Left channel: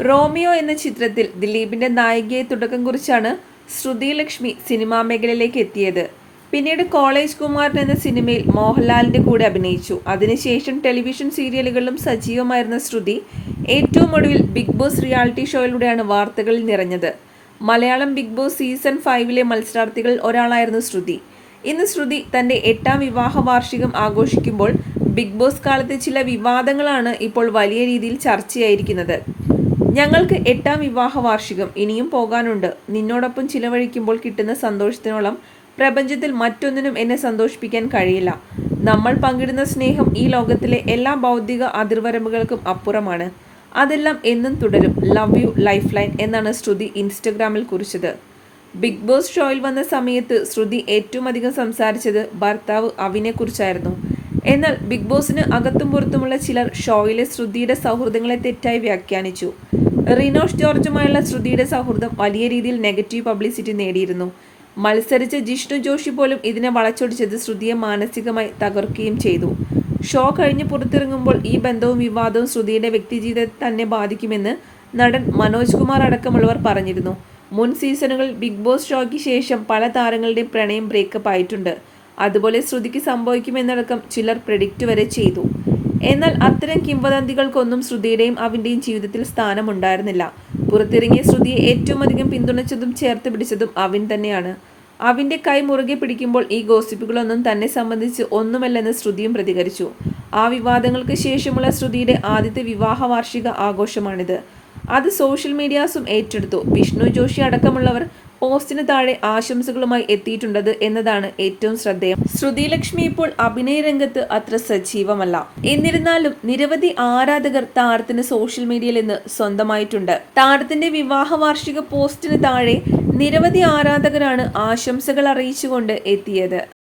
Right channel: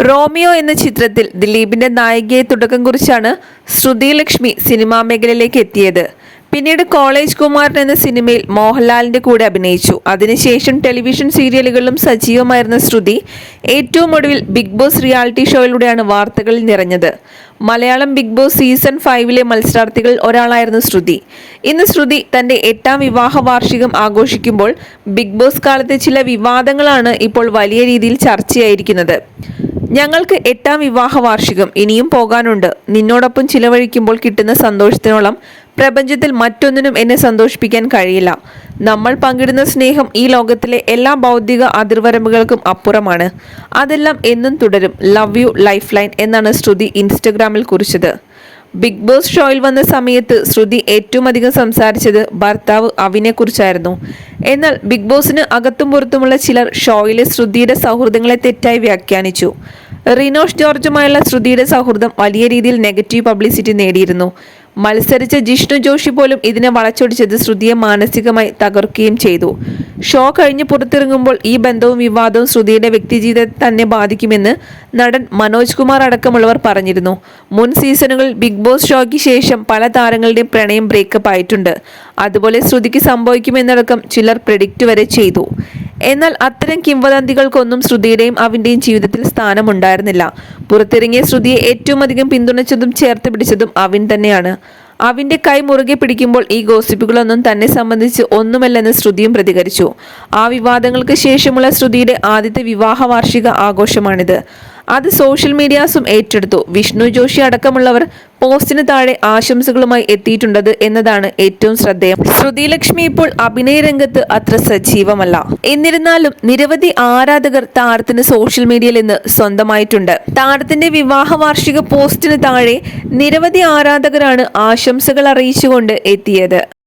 Romeo എന്ന ചിത്രത്തിൽ ദിലീപിന്റെ നായികയെ തുടക്കം കുറിച്ചാണ് ശ്രുതി ലക്ഷ്മി സിനിമാ മേഖലയിലേക്ക് എത്തിയത്. പിന്നീട് കോളേജ് കുമാരൻ എന്ന സിനിമയിൽ മോഹൻലാലിന്റെ കൂടെ അഭിനയിച്ചു. അതിനുശേഷം ടെലിവിഷൻ സീരിയലുകളിലും സജീവമായിരുന്ന ശ്രുതി ഏറ്റവും ഒടുവിൽ ബിഗ് ബോസ് റിയാലിറ്റി ഷോയിലൂടെയാണ് വാർത്തകളിൽ നിറഞ്ഞത്. മലയാളം ബിഗ് ബോസ് സീസൺ ഫൈവിലെ മത്സരാർത്ഥികളിൽ ഒരാളായിരുന്നു ശ്രുതി. ഇന്ന് ശ്രുതി തന്റെ എട്ടാം വിവാഹ വാർഷികം ആഘോഷിക്കുമ്പോൾ ബിഗ് ബോസ് കാലത്തെ ചില വിവാദങ്ങളാണ് ഇപ്പോൾ വലിയ രീതിയിൽ ചർച്ചയായിരിക്കുന്നത്. ഞങ്ങൾക്ക് എട്ടാം വിവാഹ വാർഷികം ഇനിയും പോകാനുണ്ട്. നിന്നോടൊപ്പം ചിലവഴിക്കുമ്പോൾ കിട്ടുന്ന സന്തോഷത്തിനോളം പ്രപഞ്ചത്തിൽ മറ്റൊന്നിനും എന്നെ സന്തോഷിപ്പിക്കാൻ കഴിയില്ല. നമ്മൾ പങ്കിടുന്ന സ്നേഹം ഈ ലോകത്തിലെ എല്ലാ ഭൗതിക അതിർവരമ്പുകൾക്കും അപ്പുറമാണ്. അതെല്ലാം എന്നും തുടരും. ലവ് യു ലൈഫ് ലൈൻ എന്നാണ് ശ്രുതി ഇൻസ്റ്റഗ്രാമിൽ കുറിച്ചത്. ബിഗ് ബോസ് ഷോയിൽ വന്ന സമയത്ത് ശ്രുതി ഏറ്റവും അധികം സംസാരിച്ചത് ഭർത്താവ് അവിനെ കുറിച്ചായിരുന്നു എന്നാൽ ബിഗ് ബോസിന് അകത്തും പുറത്തുമുള്ള ചിലർ ഷോയിലെ ശ്രുതിയുടെ സൗഹൃദങ്ങളെ തെറ്റായി വ്യാഖ്യാനിച്ചു. റിനോഷ് ജോർജുമായുള്ള ശ്രുതിയുടെ സൗഹൃദം വലിയ രീതിയിൽ നെഗറ്റീവ് പബ്ലിസിറ്റി നേടിയിരുന്നു. മത്സരിച്ച ജിഷ്ണു ജോഷി പോലും ഇതിനെ വളച്ചൊടിച്ചത് ശ്രുതിയെ മാനസികമായി തകർക്കുകയും ചെയ്തു. ഷോ കഴിഞ്ഞ് പുറത്തിറങ്ങുമ്പോൾ ഈ ബന്ധവും വിവാദവും ശ്രുതിയുടെ വ്യക്തിജീവിതത്തെ തന്നെ ബാധിക്കുമെന്ന് നടൻ മനോജ് കുമാർ അടക്കമുള്ളവർ പറഞ്ഞിരുന്നു. മുൻ സീസണുകളിൽ ബിഗ് ബോസ് ഷോയ്ക്ക് ശേഷം പല താരങ്ങളുടെയും പ്രണയം ബ്രേക്കപ്പ് ആയിട്ടുണ്ട്. അതുപോലെ ശ്രുതിക്ക് സംഭവിക്കുമെന്നടക്കം ചിലർ പ്രഡിക്റ്റ് വരെ ചെയ്തു. എന്നാൽ അത്തരം കിംവദന്തികൾക്കൊന്നും ശ്രുതിയുടെയും അവന്റെയും ജീവിതത്തിൽ സ്ഥാനമുണ്ടായിരുന്നില്ല. പുറത്തിറങ്ങിയ ശ്രുതിയെ ഏറ്റവും അധികം പിന്തുണച്ചതും ചേർത്ത് പിടിച്ചതും അവൻ തന്നെയാണ്. അവിന്റെ കൈ മുറുകെ പിടിക്കുമ്പോൾ ഈ ഗോസിപ്പുകളൊന്നും തന്നെ സംബന്ധിച്ച് ഒന്നുമല്ലെന്ന് ശ്രുതിയും പ്രതികരിച്ചു. ആ വിവാദങ്ങൾക്ക് ശേഷമുള്ള ശ്രുതിയുടെ ആദ്യത്തെ വിവാഹ വാർഷിക ആഘോഷമാണിത്. അത് സോഷ്യൽ മീഡിയാസും ഏറ്റെടുത്തു. വിഷ്ണു ജോഷി അടക്കമുള്ളവർ പോസ്റ്റിന് താഴെ ആശംസകളുമായി എത്തിയിട്ടുണ്ടത് എന്നതാണ് ഏറ്റവും ശ്രദ്ധേയം. ശ്രുതി ലക്ഷ്മി ഇപ്പോൾ അഭിനയ രംഗത്ത് അത്ര സജീവമല്ല. എന്നിരുന്നാലും നിരവധി ആരാധകർ താരത്തിന് സോഷ്യൽ മീഡിയയിൽ നിന്ന് സ്വന്തമായിട്ടുണ്ട്. താരത്തിന്റെ വിവാഹ വാർഷിക പോസ്റ്റിന് താഴെ നിരവധി ആരാധകരാണ് ആശംസകൾ അറിയിച്ചുകൊണ്ട് എത്തിയത്.